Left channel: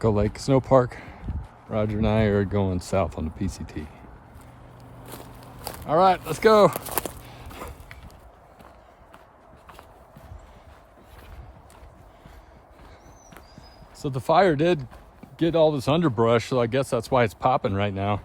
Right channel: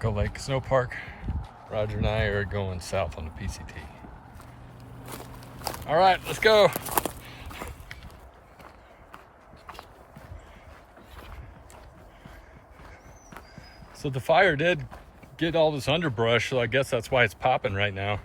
Go Lake Snow Park. Roger and I are going south on the PCT. All right, let's go. So the fire did get all this underbrush, so I guess that's why it's popping right now.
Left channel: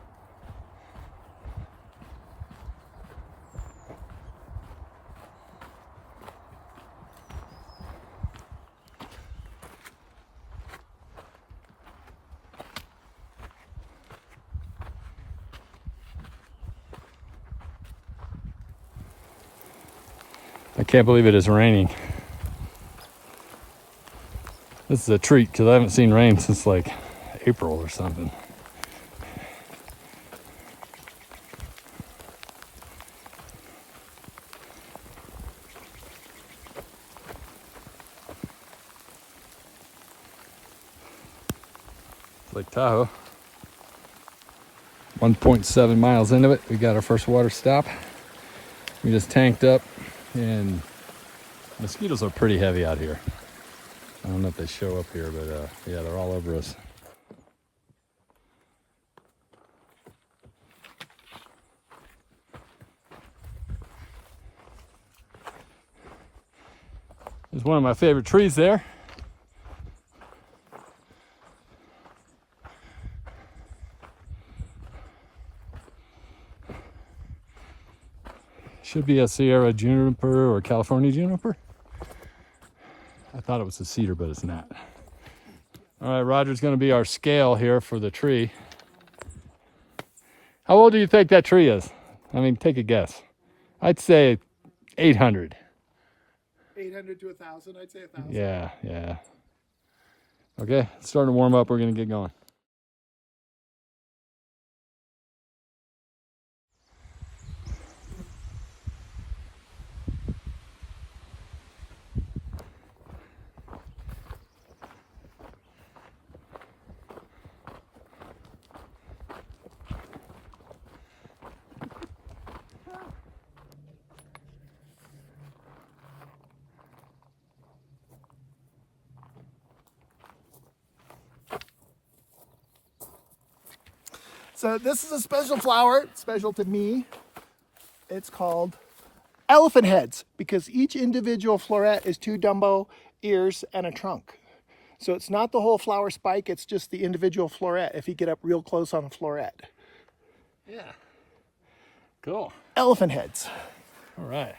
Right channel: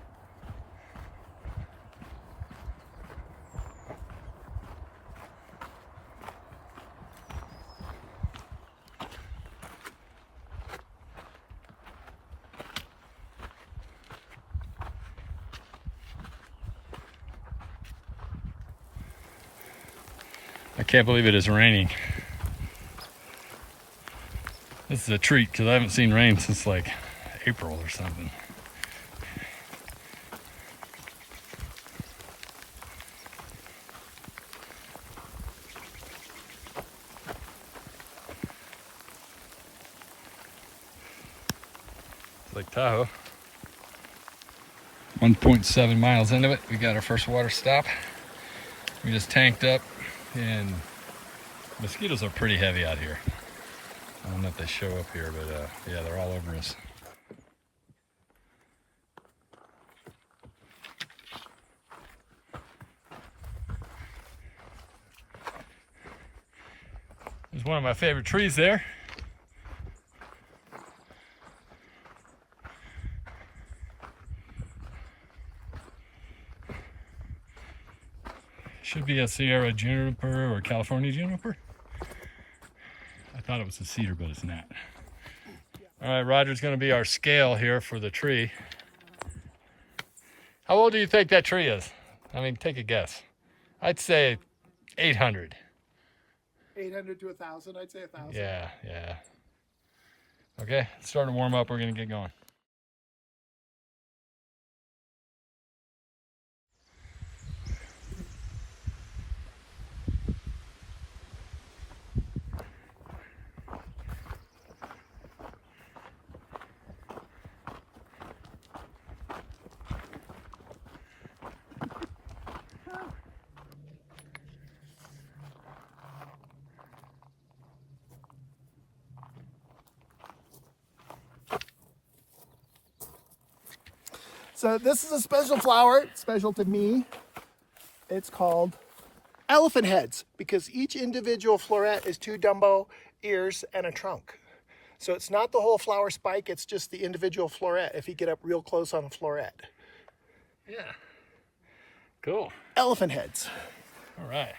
I can't believe it is raining. This is a treat because I haven't seen rain since like April or something. It's Lake Tahoe. 1.7 miles into it, we got our first water stop. We just tanked up, and mosquitoes are pretty heavy out here. I don't know if they show up here, but yeah, they're all over us. There's one of my favorite trees there. Should be a Sierra juniper or California juniper. I thought it was a cedar, but it's not. All right, Roger's going to be our scale here for the tree. How old do you think that tree is? I mean, take a guess. I'd say 800. 800 to 1,000. I'd say 1,000. Yeah, yeah. Okay, it's starting to warm up. We're going to get going. So this is a special flower, special to me. It's called elephant heads because each individual floret is 2 Dumbo ears and a trunk. So it's not the whole flower spike, it's just the individual floret if you get up real close on the floret. Yeah. Cool. Elephant heads. All right.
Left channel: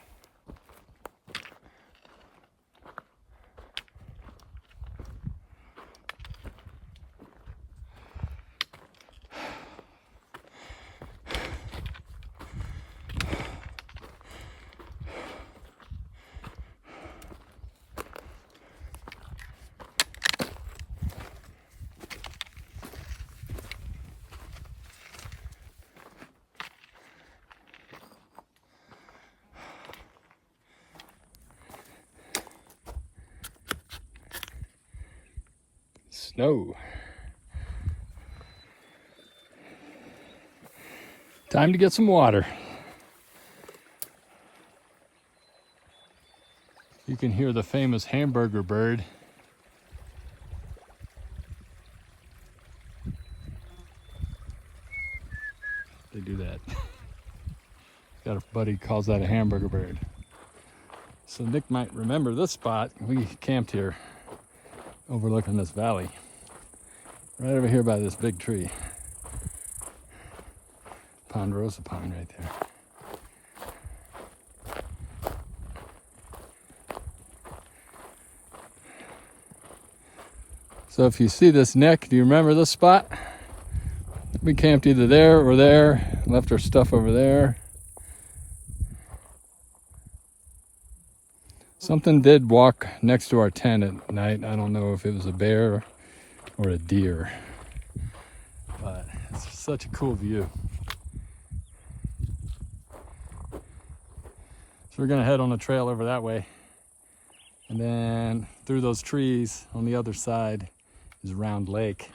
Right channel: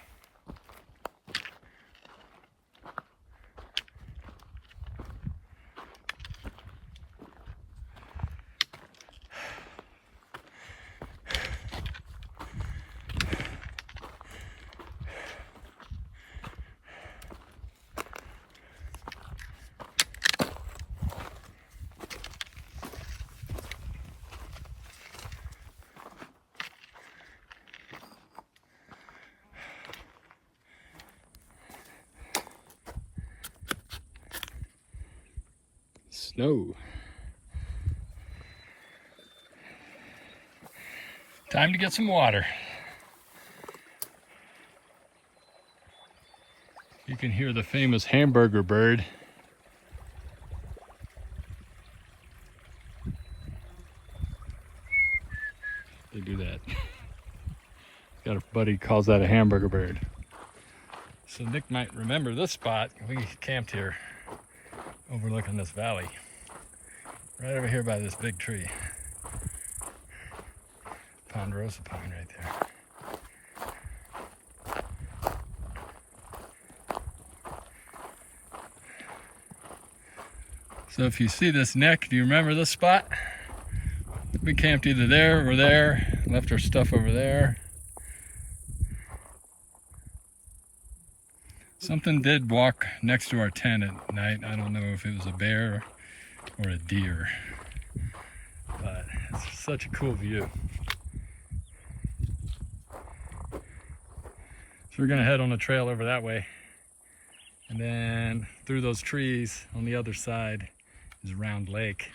Snow. Time to get some water. You can hear the famous hamburger bird. They do that. Got a buddy calls that a hamburger bird. So Nick might remember this spot. We camped here overlooking this valley. Right over here by this big tree. Ponderosa pine right there. So if you see this neck, do you remember this spot? We camped either there or there, left our stuff over there. Something did walk next to our tent at night. I don't know if it was a bear or a deer, but it's such a cool view. So we're gonna head on a trail over that way, and then through those trees on the other side is Round Lake,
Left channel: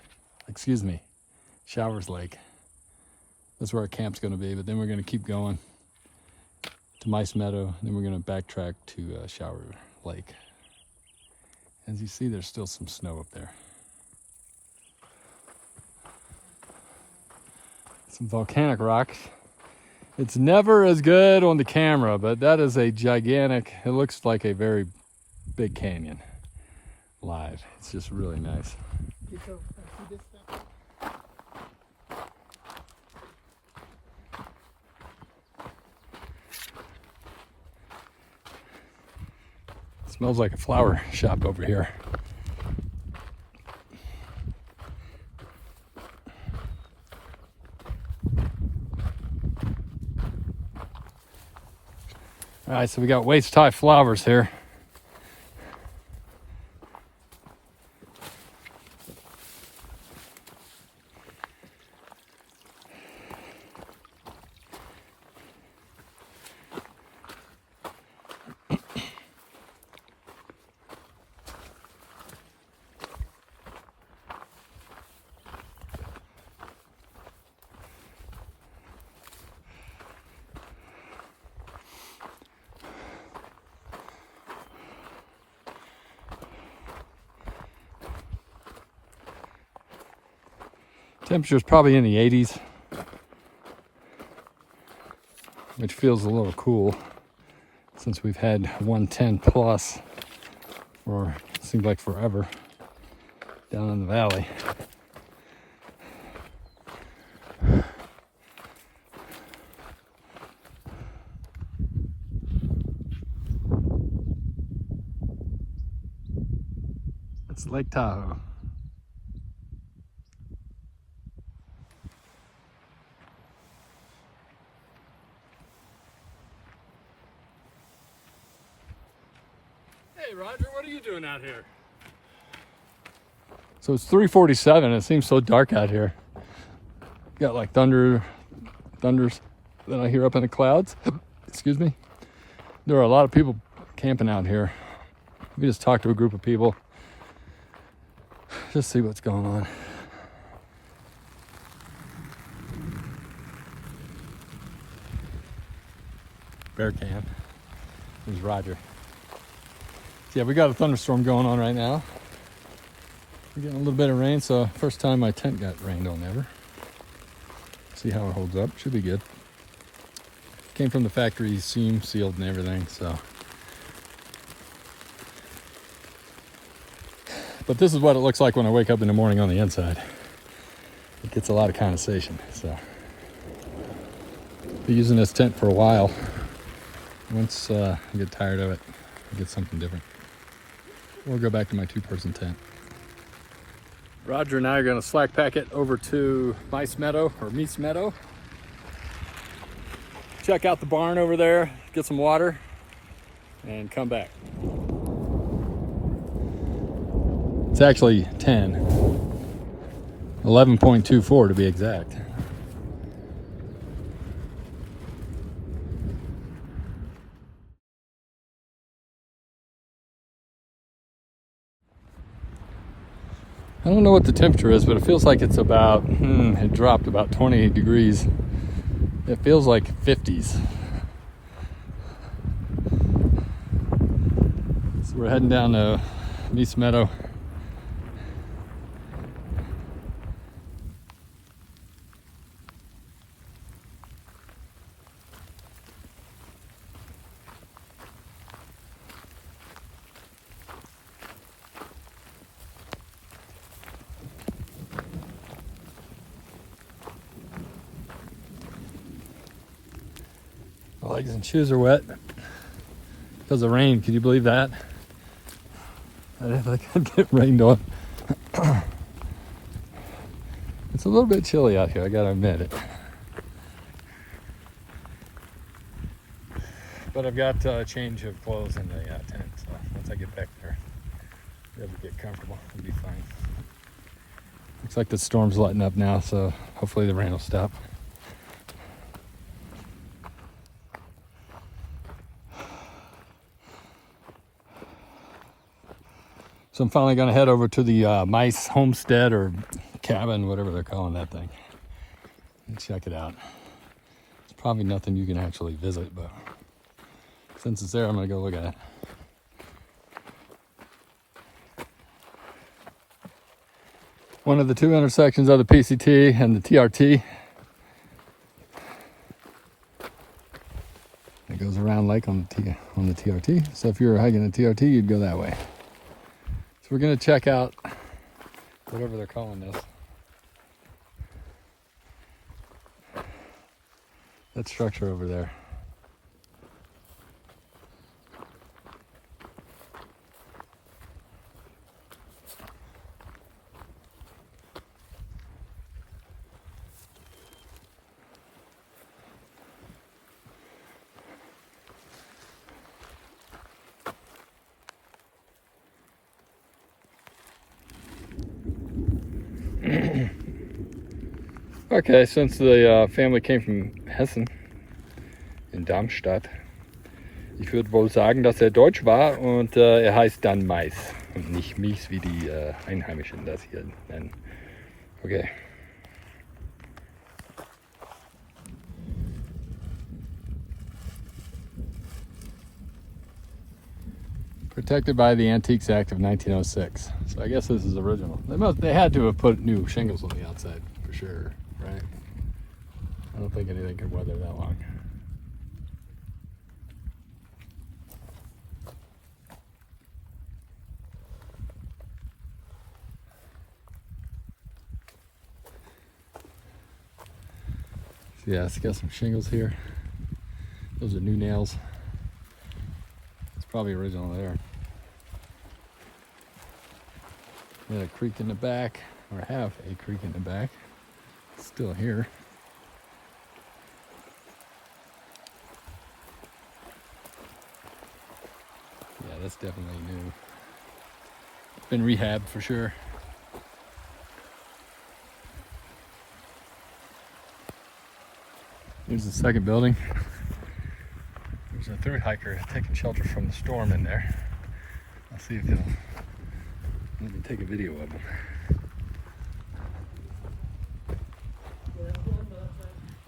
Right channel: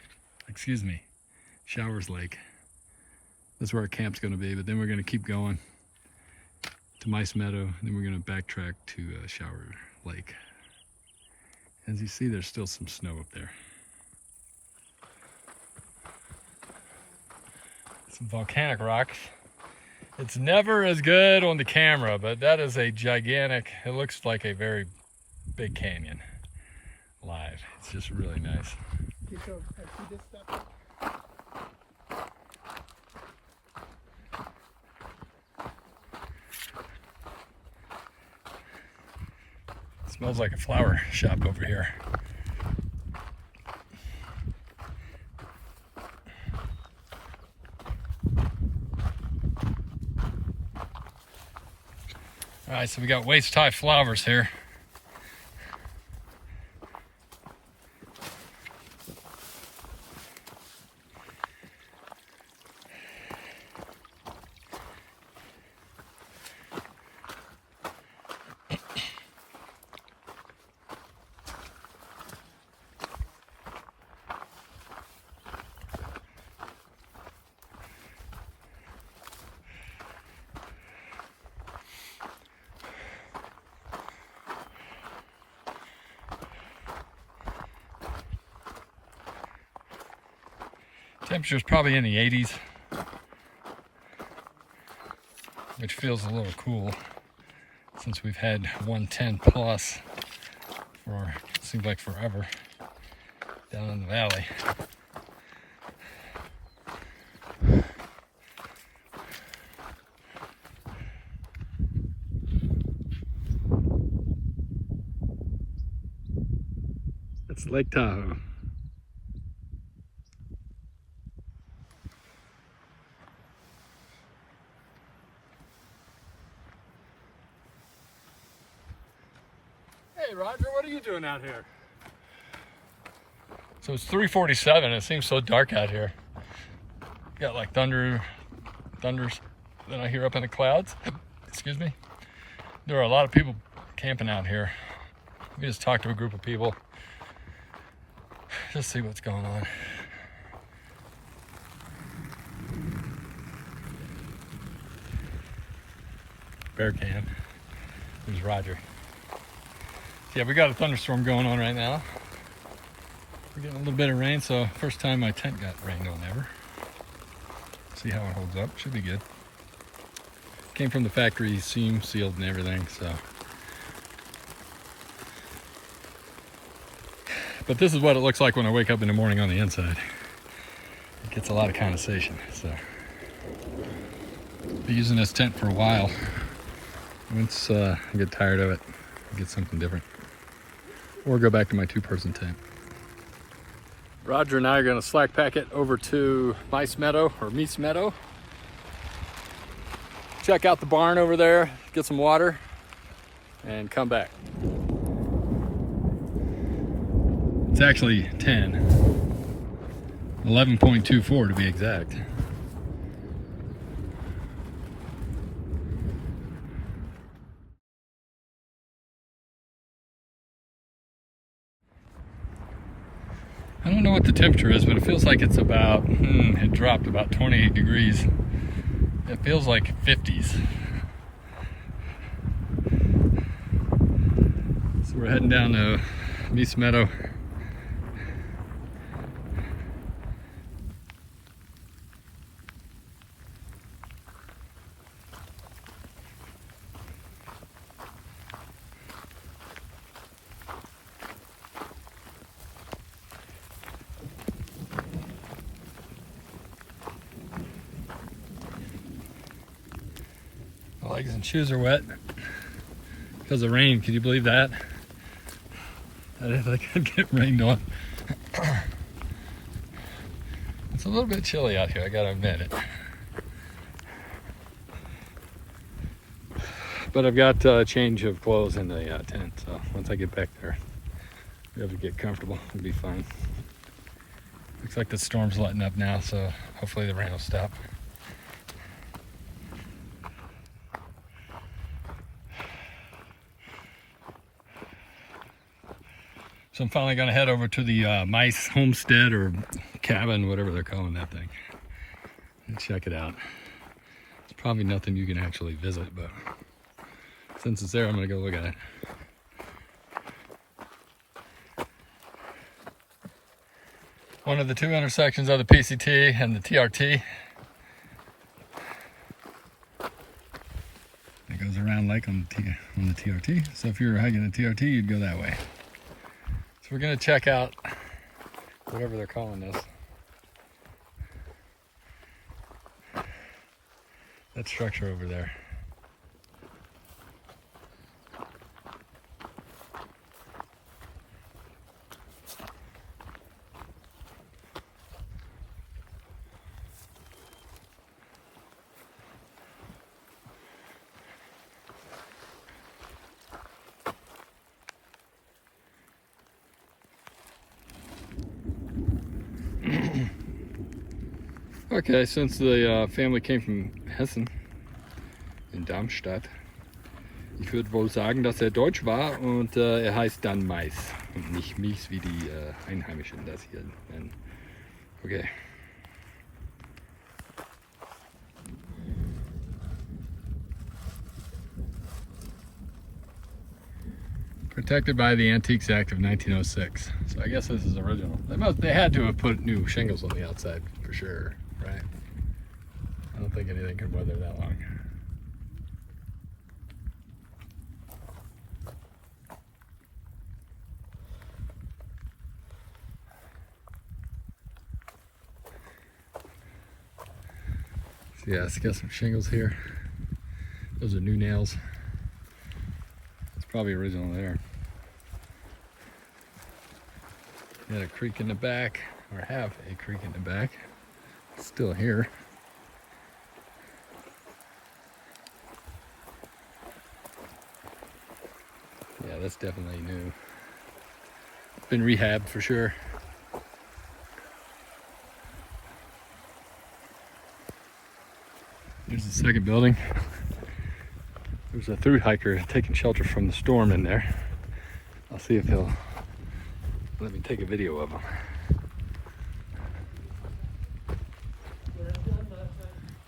excuse me, Showers Lake. That's where our camp's gonna be, but then we're gonna keep going to Meiss Meadow, and then we're gonna backtrack to Shower Lake. As you see, there's still some snow up there. some volcanic rocks. It's never as good on the camera, but that is a gigantic, it looks like a very big canyon live. It's just really nice. Okay, so I see this stuff. It smells like a flower shop over here. All right, so we got waist-high flowers here. Temperature's probably in the 80s, which feels a little cool since we've had 110 plus for it seems like forever down in the valley. That's Lake Tahoe. Hey Roger, what are you doing out here? So it's 3:47. It seems so dark out here. Got like thunders that I hear up in the clouds. Excuse me. There are a lot of people camping out here. We just talked to a group of people. Just see what's going on. Bear can. There's Roger. Yeah, we got a thunderstorm going on right now. We're getting a little bit of rain, so first time my tent got rained on ever. See how it holds up. Should be good. Came from the factory, seam sealed and everything, so. But this is what it looks like when I wake up in the morning on the inside. It gets a lot of condensation, so. Be using this tent for a while. Once I get tired of it, I'll get something different. Or go back to my two-person tent. Roger and I are gonna slack pack it over to Meiss Meadow, or Meiss Meadow. Check out the barn over there, get some water, and come back. It's actually 10. 11.24 to be exact. I don't know what the temperature is, but it feels like it's about, it dropped about 28 degrees. It feels like 50s. So we're heading down to Meiss Meadow. My legs and shoes are wet because of rain. Can you believe that? I didn't think I'd get rained on. It's a little bit chilly out here, I gotta admit it. But I've got a change of clothes in the tent, so once I get back there, I'll be able to get comfortable. It'll be fine. Looks like the storm's letting up now, so hopefully the rain will stop. So I'm finally gonna head over to the Meiss homestead or cabin, whatever they're calling that thing, and check it out. It's probably nothing you can actually visit, but since it's there, I'm gonna go look at it. One of the two intersections of the PCT and the TRT. goes around lake on the TRT. So if you're hiking the TRT, you'd go that way. So we're gonna check out whatever they're calling this. That structure over there. Okay, since the family came from Hessen, in Darmstadt, ich würde wohl sagen, dass Deutsch war und heißt dann Meiss und nicht Meiss, wie die Einheimischen das hier nennen. Okay. Protected by the Antiques Act of 1906. So I guess this is original. They had to have put new shingles on the outside for sure, right? I don't think anything could weather that long. So yeah, it's got some shingles here. Those are new nails. It's probably original there. Got a creek in the back, or have a creek in the back. It's still here. Yeah, that's definitely new. Been rehabbed for sure. Here's the second building. There's a through hiker taking shelter from the storm in there. I'll see if he'll let me take a video of him.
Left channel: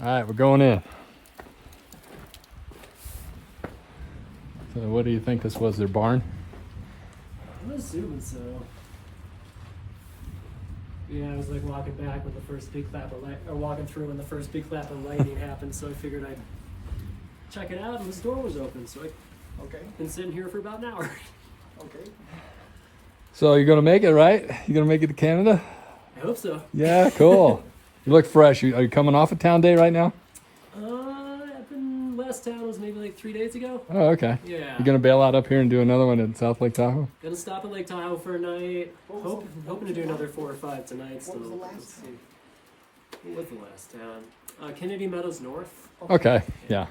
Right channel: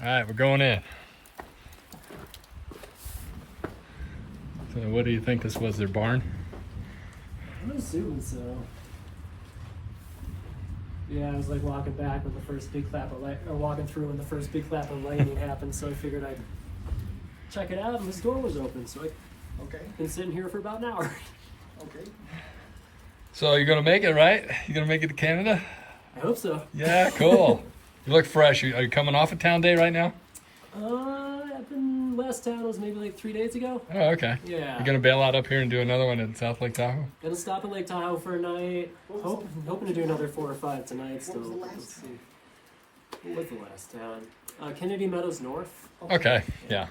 All right, we're going in. So what do you think this was, their barn? I'm assuming so. Yeah, I was like walking back when the first big clap of light, or walking through when the first big clap of lightning happened, so I figured I'd check it out, and this door was open, so I've been sitting here for about an hour. Okay. So you're gonna make it, right? You gonna make it to Canada? I hope so. Yeah, cool. You look fresh. Are you coming off a town day right now? Last town was maybe like 3 days ago. Oh, okay. Yeah. You gonna bail out up here and do another one at South Lake Tahoe? Gonna stop at Lake Tahoe for a night. Hoping to do another 4 or 5 tonight still. What was the last Let's see. What was the last town? Kennedy Meadows North. Okay, yeah.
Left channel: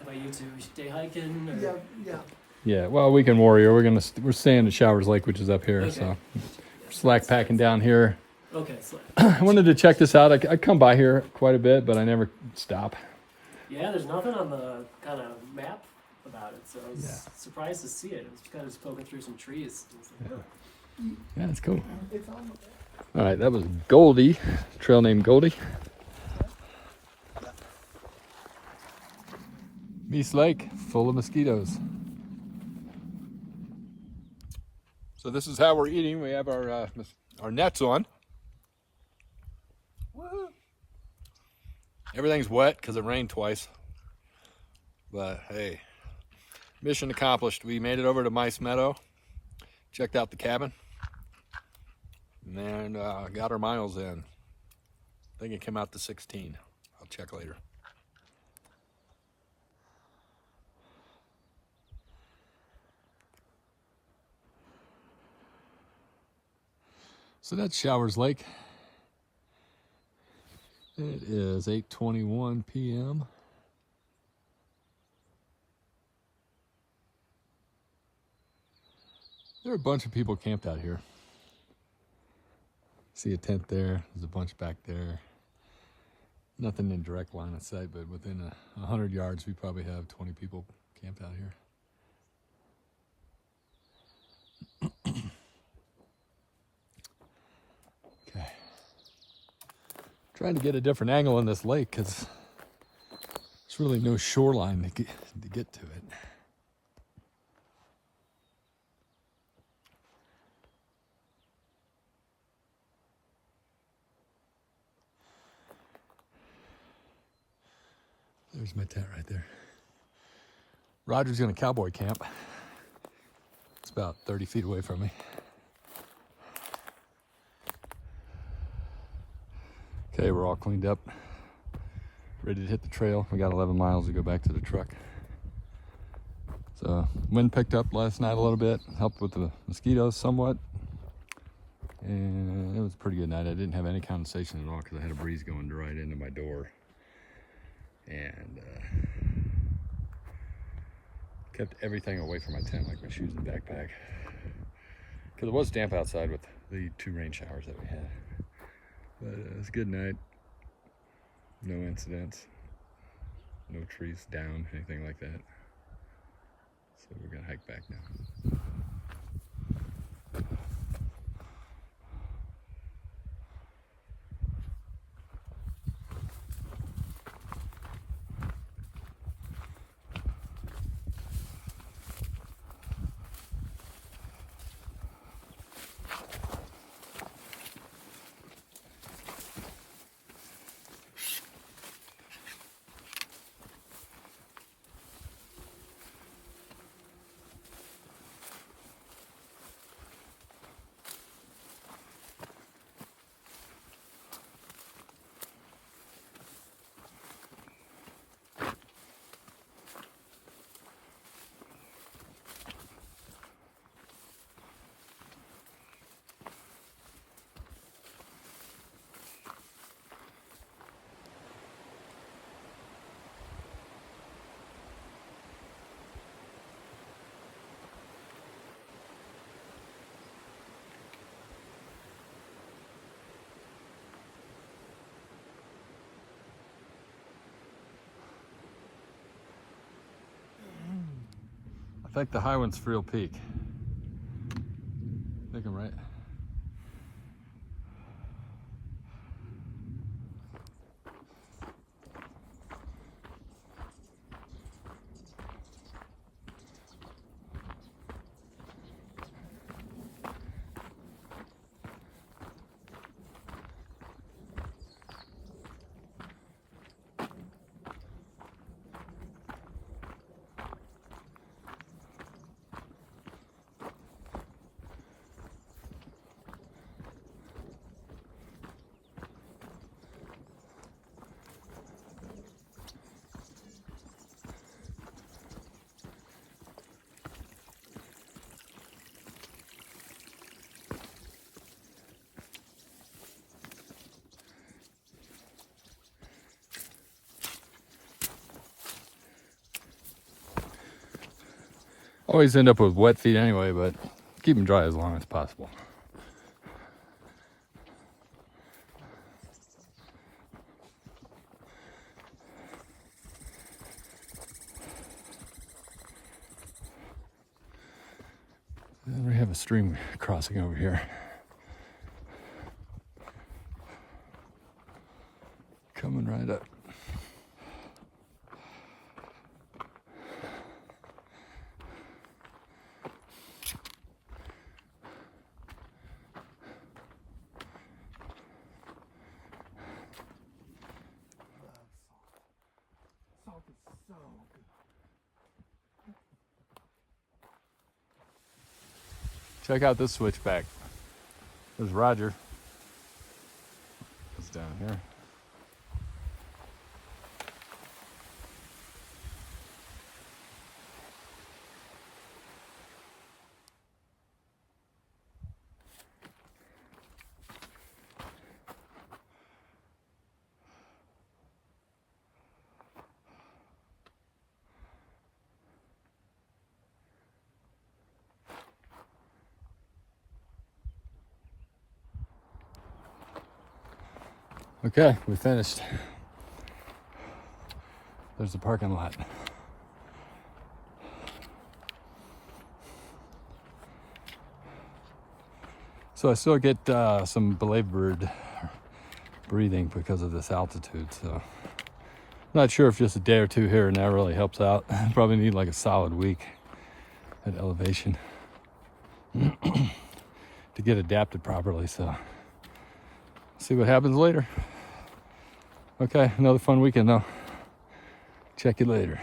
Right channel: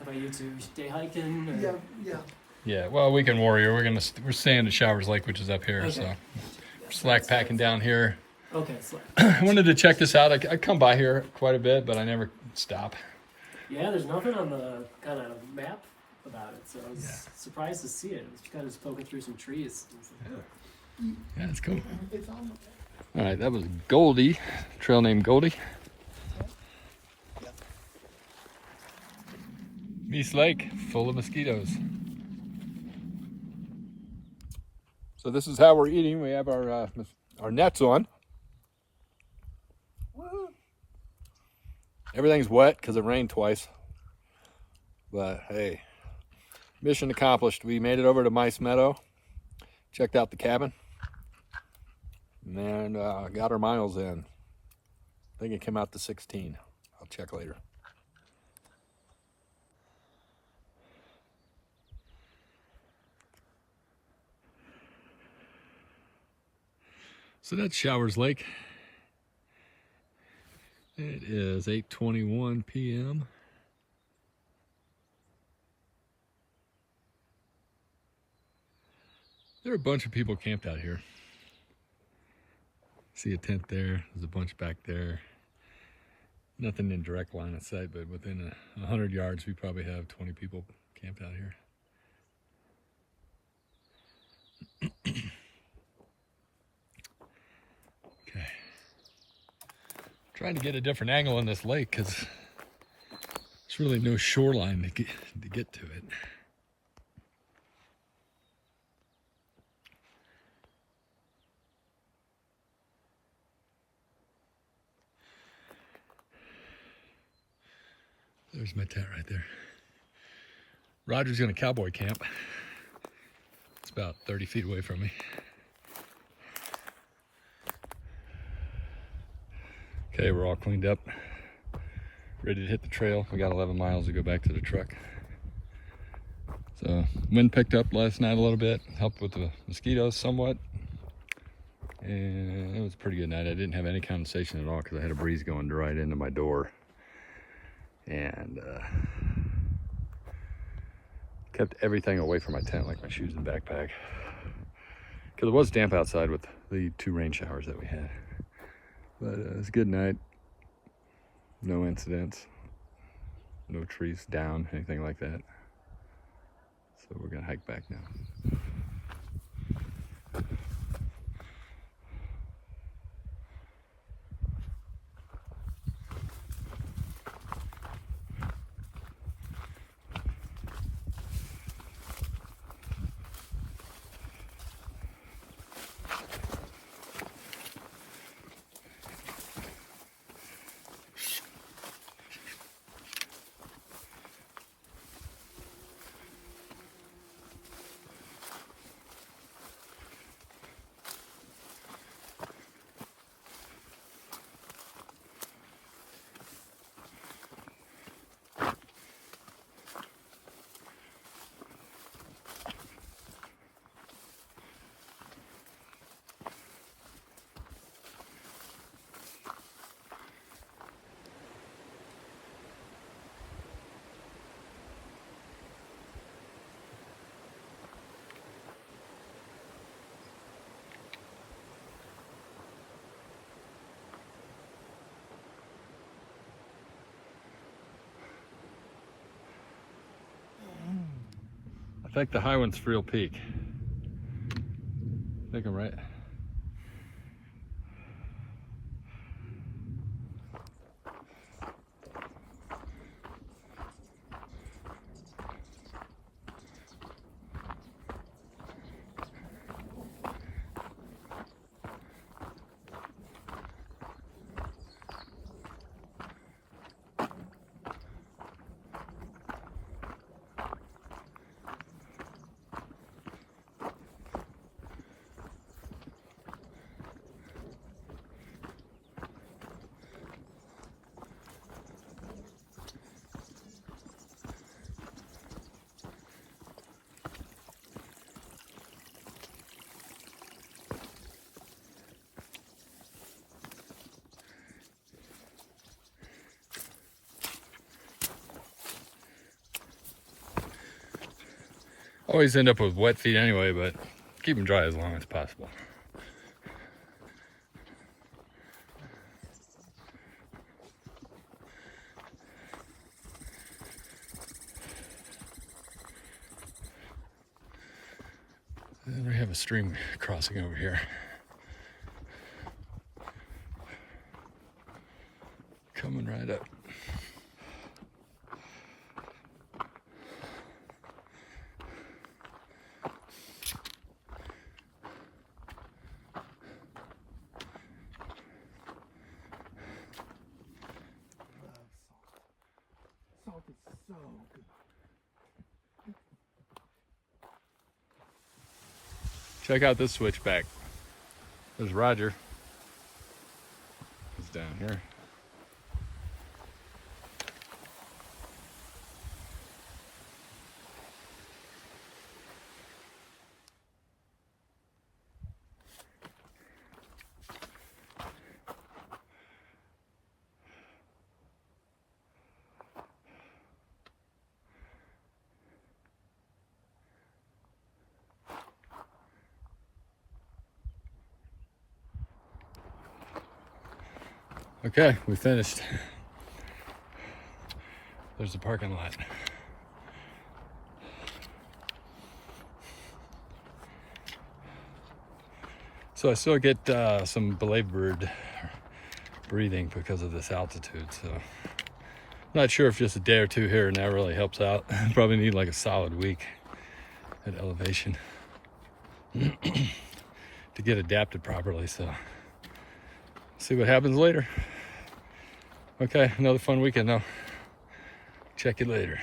How about you two? Day hiking? Or? Yeah. Yeah, well, Weekend Warrior, we're staying at Showers Lake, which is up here, Okay. so Yeah, slack packing down here. Okay, slack. I wanted to check this out. I come by here quite a bit, but I never stop. Yeah, there's nothing on the kind of map about it, so I was surprised to see it. It was kind of just poking through some trees. Yeah, it's cool. It's on. All right, that was Goldie, trail named Goldie. Meiss Lake, full of mosquitoes. So this is how we're eating. We have our nets on. Woo-hoo. Everything's wet because it rained twice. But hey, mission accomplished. We made it over to Meiss Meadow, checked out the cabin, and got our miles in. I think it came out to 16. I'll check later. So that's Showers Lake. It is 8:21 p.m. There are a bunch of people camped out here. See a tent there, there's a bunch back there. Nothing in direct line of sight, but within 100 yards, we probably have 20 people camped out here. Okay. Trying to get a different angle on this lake because there's really no shoreline to get to it. There's my tent right there. Roger's gonna cowboy camp. It's about 30 feet away from me. Okay, we're all cleaned up, ready to hit the trail. We got 11 miles to go back to the truck. So wind picked up last night a little bit, helped with the mosquitoes somewhat. And it was a pretty good night. I didn't have any condensation at all because I had a breeze going right into my door. And kept everything away from my tent, like my shoes and backpack. Because it was damp outside with the 2 rain showers that we had. But it was a good night. No incidents. No trees down, anything like that. So we're gonna hike back now. I think the high one's Friel Peak. I think I'm right. Always end up with wet feet anyway, but keep them dry as long as possible. And we have a stream crossing over here. Coming right up. Check out this switchback. There's Roger. He's down here. Okay, we finished. There's the parking lot. So I still get some belabored breathing because of this altitude, so not sure if just a day or two here and there really helps out. Probably need like a solid week at elevation to get adapted properly, so see what happens later. Okay, another fun weekend though. Check you later.